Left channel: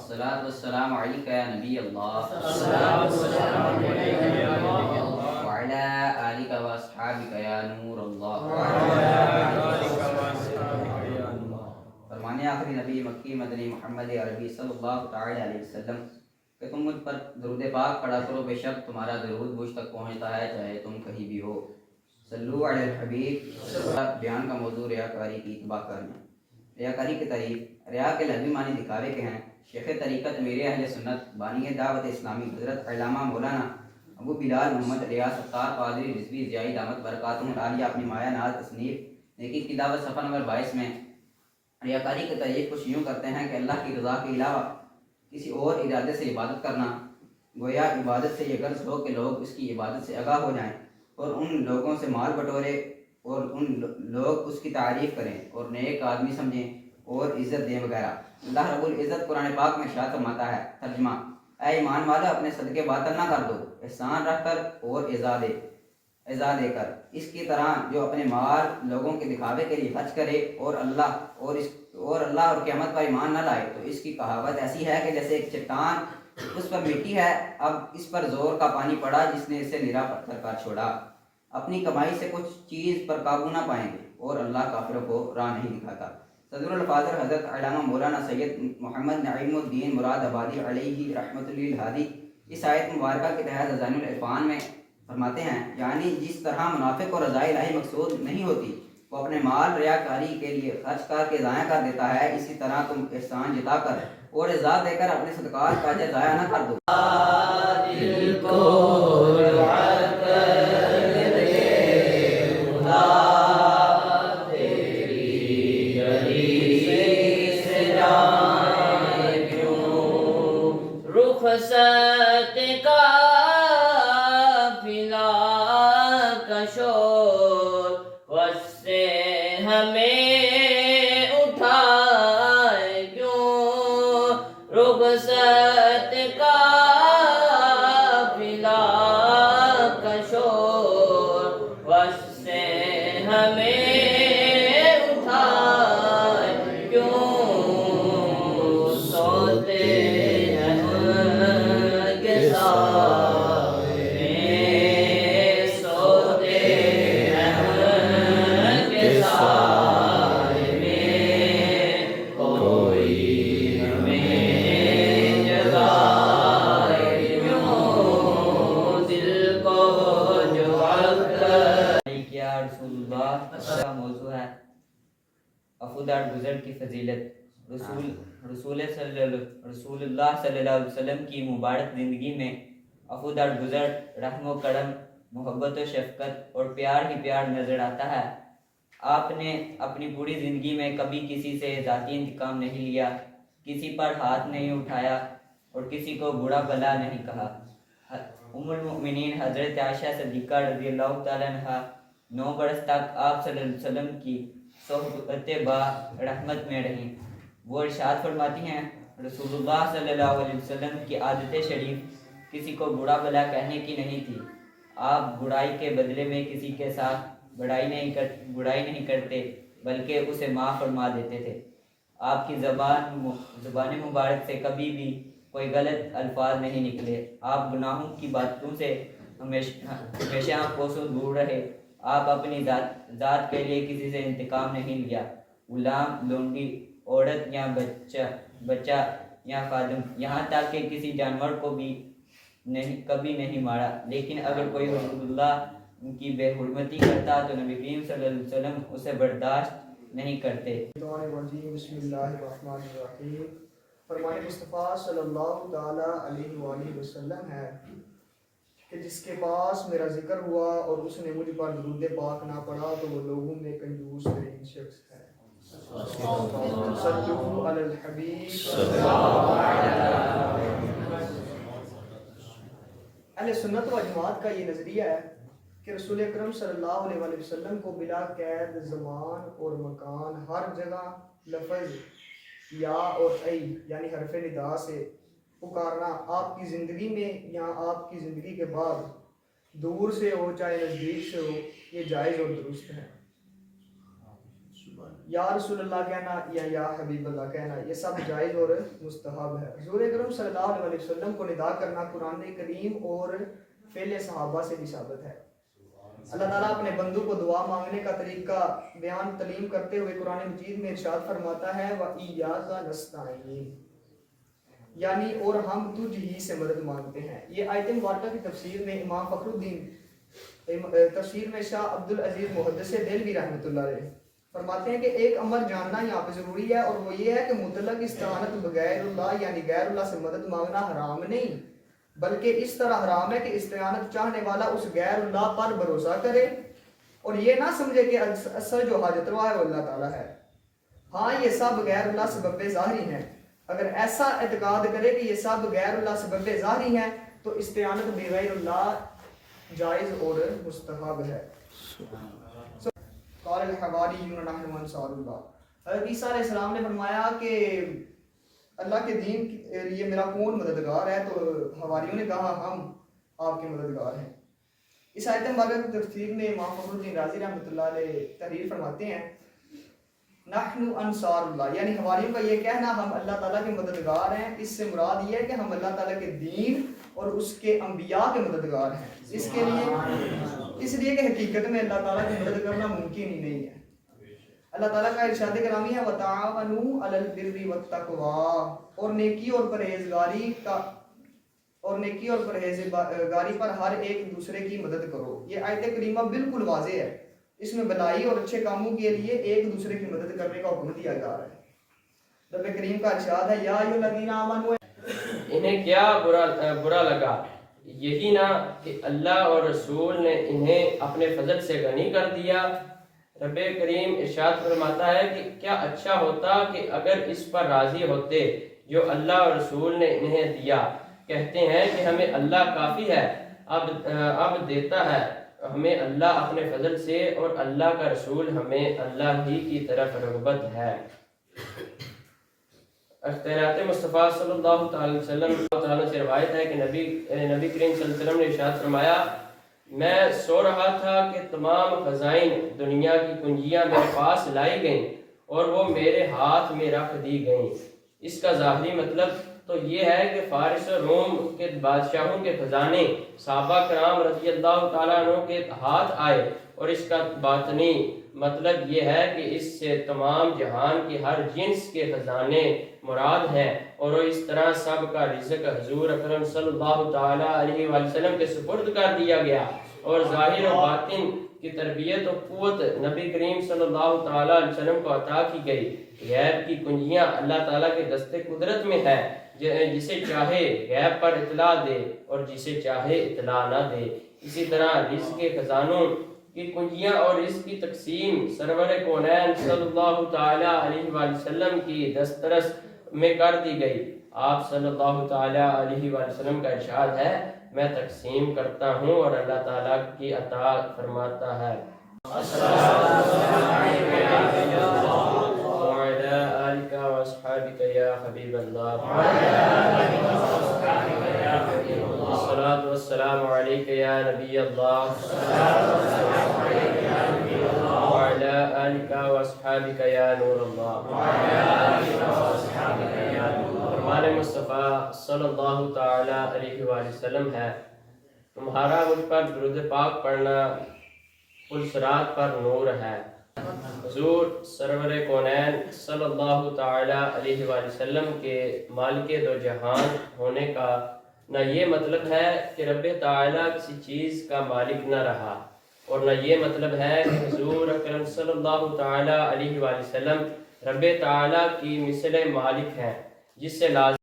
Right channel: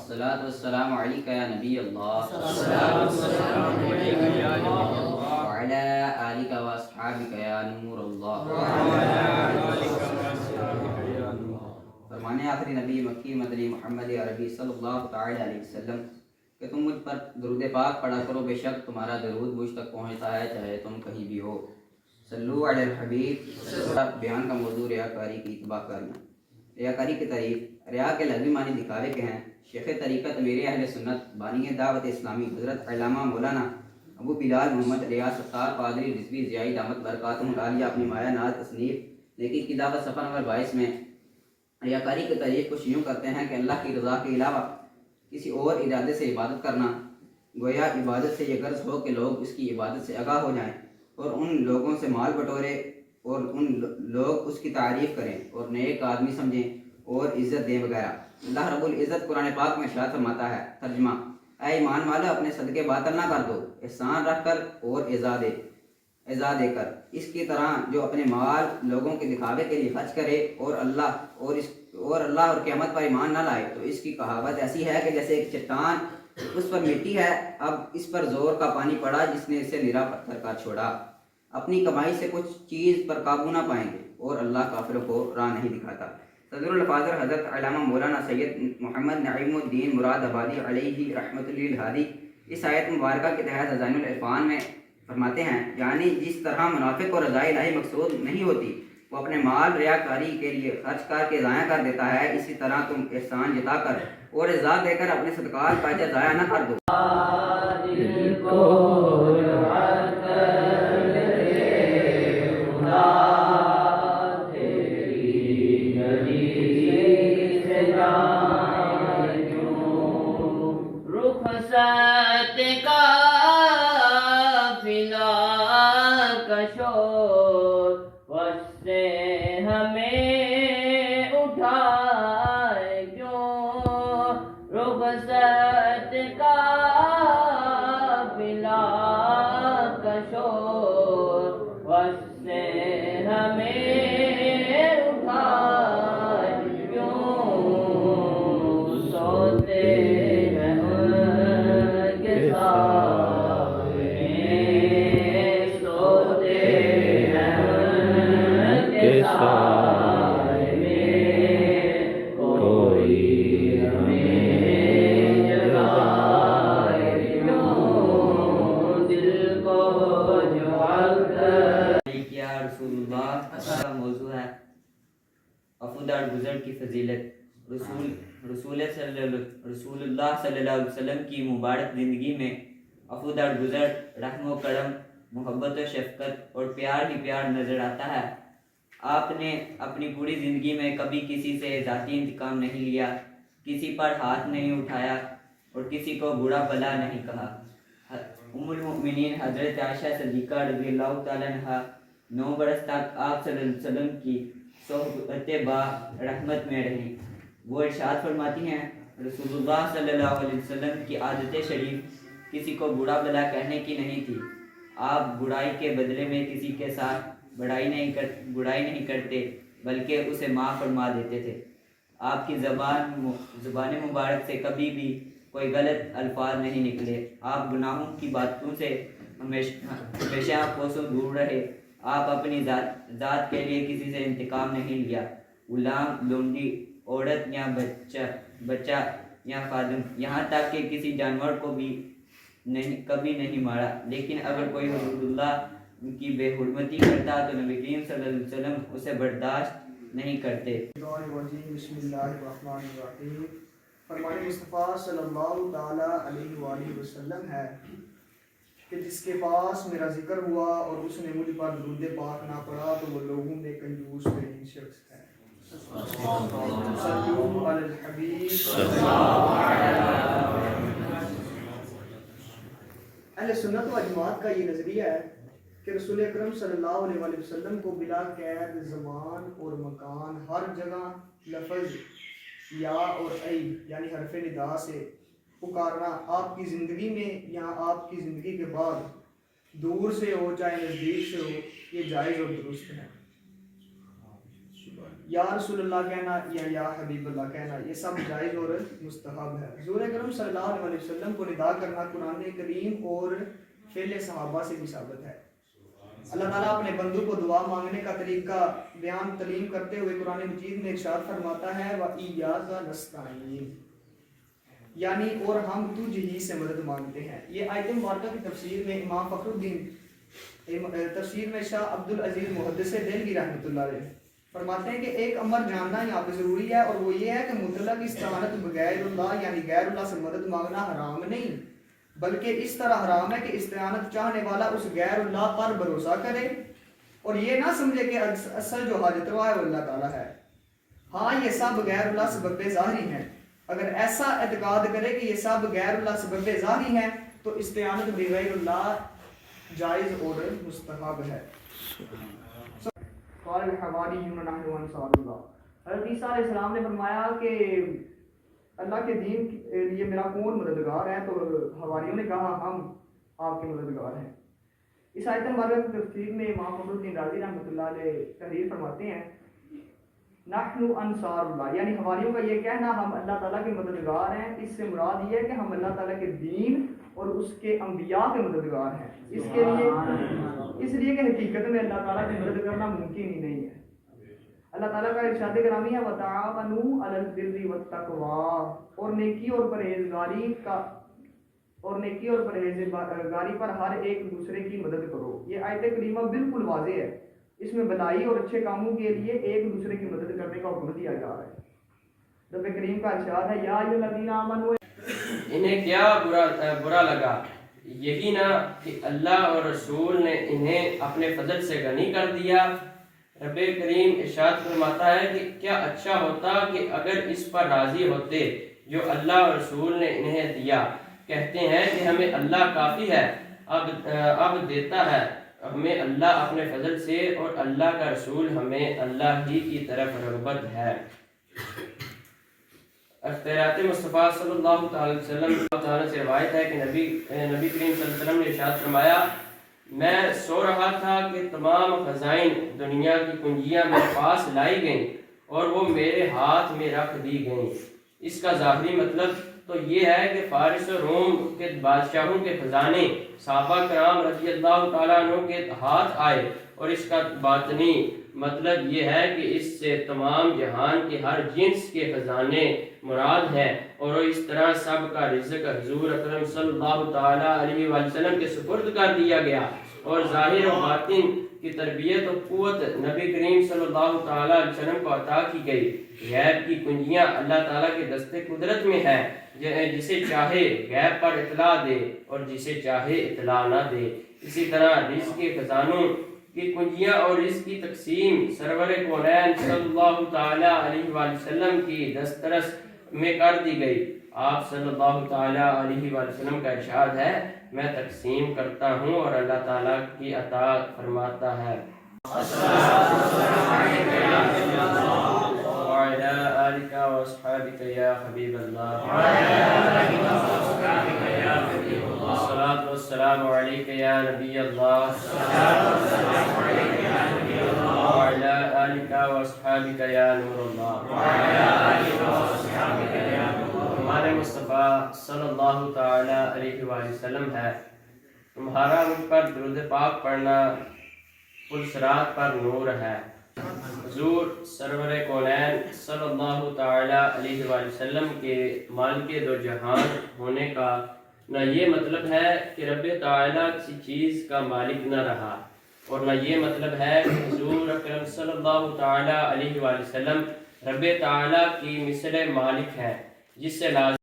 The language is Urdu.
الصلاۃ والسلام علیک یا نبی اللہ وعلی آلک و اصحابک یا نور اللہ. فرمانے آخری نبی مکی مدنی محمد عربی صلی اللہ تعالی علیہ وسلم کہ تم مجھ پر درود پاک پڑھا کرو، بے شک تمہارا درود مجھ تک پہنچتا ہے چاہے تم کہیں بھی ہو. صلو علی الحبیب. بیان کا موضوع ریاکاری کی اتباع کرنا. ریاکاری کی تعریف. ریا کے لفظی معنی دکھاوے کے ہیں. شیخ طریقت امیر اہل سنت بانی دعوت اسلامی حضرت علامہ مولانا ابو بلال محمد ریاض ستار پادری رضوی ضیائی دامت برکاتہم العالیہ اپنی مایہ ناز تصنیف نیکی کی دعوت صفحہ نمبر 22 میں ریاکاری کی تعریف کچھ یوں کرتے ہیں کہ اللہ کی رضا کے علاوہ کسی اور ارادے سے عبادت کرنا. گویا عبادت سے یہ غرض ہو کہ لوگ اس کی عبادت سے آگاہ ہو جائیں اور ان لوگوں سے مال بٹورے اور ان لوگ اس کی تعریف کریں اور نیک آدمی سمجھیں اور عزت دیں وغیرہ. اللہ رب العزت قرآن پاک میں ارشاد فرماتا ہے. ترجمہ: اے ایمان والو، اپنے صدقے باطل نہ کر دو، احسان رکھ کر اور عزا دے کر. اس کی طرح جو اپنے مال لوگوں کے دکھاوے کے لیے خرچ کرے اور اللہ اور قیامت پر ایمان نہ لائے تو اس کی کہاوت ایسی ہے کہ جیسے ایک چٹان اس پر مٹی ہے، اب اس پر زور کا پانی پڑا جس نے اسے نرا پتھر کر چھوڑا. اپنی کمائی سے کچھ چیز پر قابو نہ پائیں گے اور اللہ کافروں کو راہ نہیں دکھاتا. صدر الفاظر حضرت علامہ مولانا سید محمد نعیم الدین مراد آبادی علیہ رحمۃ اللہ الہادی اس آیت مبارکہ کے تحت خزائن العرفان میں فرماتے ہیں، یعنی جس طرح منافق اور رضائے الہی مقصود نہیں ہوتی وہ اپنے مال ریاکاری کے لیے خرچ کر کے ضائع کر دیتا ہے، اسی طرح تم احسان جتا کر اور عزا دے کر اپنے صدقات کا اجر ضائع نہ کر دو. رخصت کا فلا کشور وس سے ہمیں اٹھائے کیوں. رخصت کا فلا کشور وس سے ہمیں اٹھائے کیوں. سوتے موضوع ہے عفو درگزر کی فضیلت. رسول اللہ صلی اللہ علیہ وسلم کی مبارک زندگی میں عفو درگزر، رحم و کرم، محبت و شفقت اور پیار ہی پیار نظر آتا ہے. آپ نے اپنی پوری زندگی میں کبھی کسی سے ذاتی انتقام نہیں لیا، کسی پر ہاتھ نہیں اٹھایا اور کسی کو برا بھلا نہیں کہا. ام المؤمنین حضرت عائشہ صدیقہ رضی اللہ تعالیٰ عنہا 9 برس تک آپ صلی اللہ علیہ وسلم کی صحبت با رحمت میں رہیں. وہ ارشاد فرماتی ہیں، رسول اللہ صلی اللہ علیہ وسلم کی عادت شریف کسی کو برا بھلا کہنے کی نہیں تھی. آپ برائی کے بدلے میں کسی کے ساتھ برائی نہیں کرتے بلکہ اسے معاف فرما دیتے تھے. آپ کی زبان مبارک سے کبھی بھی کوئی غلط الفاظ نہیں نکلے. آپ گناہوں کی باتوں سے ہمیشہ کوسوں دور رہے. آپ اپنی ذات کے لیے کسی سے انتقام نہیں لیا. غلام، لونڈی، عورت یا بچہ یا خادم، یہاں تک کہ کسی جانور کو بھی کبھی نہیں مارا. لیکن اگر کوئی حدود اللہ کی بے حرمتی کرتا تو نبی کریم صلی اللہ علیہ وسلم اسے برداشت نہیں کرتے. بسم اللہ الرحمن الرحیم. فرمان مصطفیٰ صلی اللہ تعالی علیہ وآلہ وسلم ہے کہ جس کے پاس میرا ذکر ہوا اور اس نے مجھ پر درود پاک نہ پڑھا تو وہ لوگوں میں کنجوس ترین شخص ہے. صلو علی الحبیب. اہل سنت و جماعت کا یہ نظریہ ہے کہ رسول اکرم صلی اللہ علیہ وآلہ وسلم کو بلا قید زمان اور مکان ہر جگہ لفظ یا اور ای یعنی حرف ندا سے پکارنا آپ کی زندگی میں یا آپ کی زندگی کے بعد دور سے ہو چاہے نزدیک سے ہو، یہ جائز اور درست ہے. یا رسول اللہ کہنا یا حبیب اللہ کہنا، یہ سب جائز اور مستحب ہے۔ حضور اکرم صلی اللہ علیہ وسلم کو ندا کرنا قرآن کریم اور فعل صحابہ سے بھی ثابت ہے۔ اللہ تعالیٰ اپنے بندوں کو دعا مانگنے کا طریقہ بیان تعلیم کرتے ہوئے قرآن مجید میں ارشاد فرماتا ہے وَإِيَّاكَ نَسْتَعِينُ، یعنی اور ہم تجھ ہی سے مدد مانگتے ہیں۔ یہ آیت مبارکہ کی تفسیر میں امام فخر الدین تفسیر میں شاہ عبد العزیز محدث دہلوی رحمۃ اللہ علیہ فرماتے ہیں کہ ایک امر جاننا یہاں پہ ضروری ہے، اور وہ یہ ہے کہ مطلق استعانت بغیر اللہ یعنی غیر اللہ سے مدد مانگنا حرام نہیں، بلکہ اس طرح حرام ہے کہ استعانت چاہنے والا اس غیر اللہ پر بھروسہ کرے اور یہ نہ سمجھے کہ اصل جو حاجت روا ہے وہ اللہ تعالیٰ ہے۔ ہاں یہ سب غیر اللہ سبب ظاہری ہیں، اگر ایسا اعتقاد کرے کہ یہ سب غیر اللہ سبب ظاہری ہیں تو استعانت بغیر اللہ جائز اور مستحب ہے۔ قال الحواریون نحن انصار اللہ، حضرت عیسیٰ علیہ السلام نے فرمایا کہ اللہ کے دین کے لیے میرا کون مددگار ہے، تو حواریوں نے کہا ہم آپ کے مددگار ہیں۔ اس آیت مبارکہ کی تفسیر میں امام فخر الدین رازی رحمۃ اللہ علیہ تحریر فرماتے ہیں نحن انصار اللہ، یعنی حواریوں کا یہ کہنا ہم اللہ تعالیٰ کے مددگار ہیں، اس سے مراد یہ ہے کہ ہم اللہ تعالیٰ کے دین اور اس کے انبیاء کے مددگار ہیں، اس لیے کہ حقیقت میں اللہ تعالیٰ کی مدد کرنا ممکن ہی نہیں ہے۔ اللہ تعالیٰ کا ارشاد گرامی ہے وَتَعَاوَنُوا عَلَى الْبِرِّ وَالتَّقْوَىٰ، اور نیکی اور پرہیزگاری پر ہر ایک دوسرے کی مدد کرو۔ یہ آیت کریمہ بالکل واضح ہے، اس میں بھلائی اور اچھے کاموں کے لیے ایک دوسرے کی مدد کرنے کا حکم دیا جا رہا ہے۔ رب کریم کا ارشاد ہے یا ایھا الذین آمنوا، انہیں کیا برا لگا، یہی نہ کہ اللہ اور رسول نے انہیں اپنے فضل سے غنی کر دیا۔ رب کریم ارشاد فرماتا ہے کہ کیا اچھا ہوتا کہ اگر اس پر راضی ہوتے جو اللہ اور رسول نے انہیں دیا۔ کہتے ہیں کہ ہمیں اللہ کافی ہے، اب دیتا ہے ہمیں اللہ اپنے فضل سے، اور اللہ کا رسول ہمیں اللہ ہی کی طرف رغبت ہے۔ اختیارات مصطفیٰ صلی اللہ تعالی وسلم سے روایت ہے کہ نبی کریم صلی اللہ علیہ وسلم نے ارشاد فرمایا میں سو رہا تھا کہ تمام خزائن دنیا کی کنجیاں میرے پاس لائی گئیں اور وہ میرے ہاتھ میں رکھ دی گئیں۔ اس کا ظاہری مطلب تو یہ ہے کہ فارس و روم کے بادشاہوں کے خزانے صحابہ کرام رضی اللہ تعالیٰ عنہ کے ہاتھ آئے، اور اس کا باطنی مطلب یہ ہے کہ اس سے تمام جہان کے ہر جنس کے خزانے مراد ہیں، اور اس طرح سب کا رزق حضور اکرم صلی اللہ تعالیٰ علیہ وسلم کے سپرد کر دیا گیا، اور ظاہر و باطن کی تربیت و قوت نبی کریم صلی اللہ تعالیٰ علیہ وسلم کو عطا کی گئی۔ غیب کی کنجیاں اللہ تعالیٰ کے دستے قدرت میں ہے، جسے چاہے غیب پر اطلاع دے اور جسے چاہے اطلاع نہ دے۔ اسی طرح رزق کے خزانوں کی کنجیاں اور رزق کی تقسیم سرور کونین صلی اللہ تعالیٰ علیہ وسلم کی دسترس میں کر دی گئی۔ آپ صلی اللہ تعالیٰ علیہ وسلم کا ارشاد ہے میں تقسیم کرتا ہوں اور اللہ تعالیٰ کی عطا فرماتا ہے۔ وعلى آلك وأصحابك يا حبيب الله، الصلاة والسلام عليك يا نبي الله، وعلى آلك وأصحابك يا نور الله۔ ہمارے مصطفیٰ صلی اللہ تعالیٰ علیہ وسلم ہے تمہارا مجھ پر درود پاک پڑھنا پلسرات پر نور ہے۔ حضور سرور کونین صلی اللہ تعالیٰ علیہ وسلم کے مالک دو جہان ہونے کا نہ یہ مطلب ہے کہ رب تعالیٰ کسی چیز کا مالک نہ رہا، اور نہ یہ مطلب ہے کہ حضور اکرم صلی اللہ تعالیٰ علیہ وسلم رب تعالیٰ کی مثل مالک ہے، جس سے لازم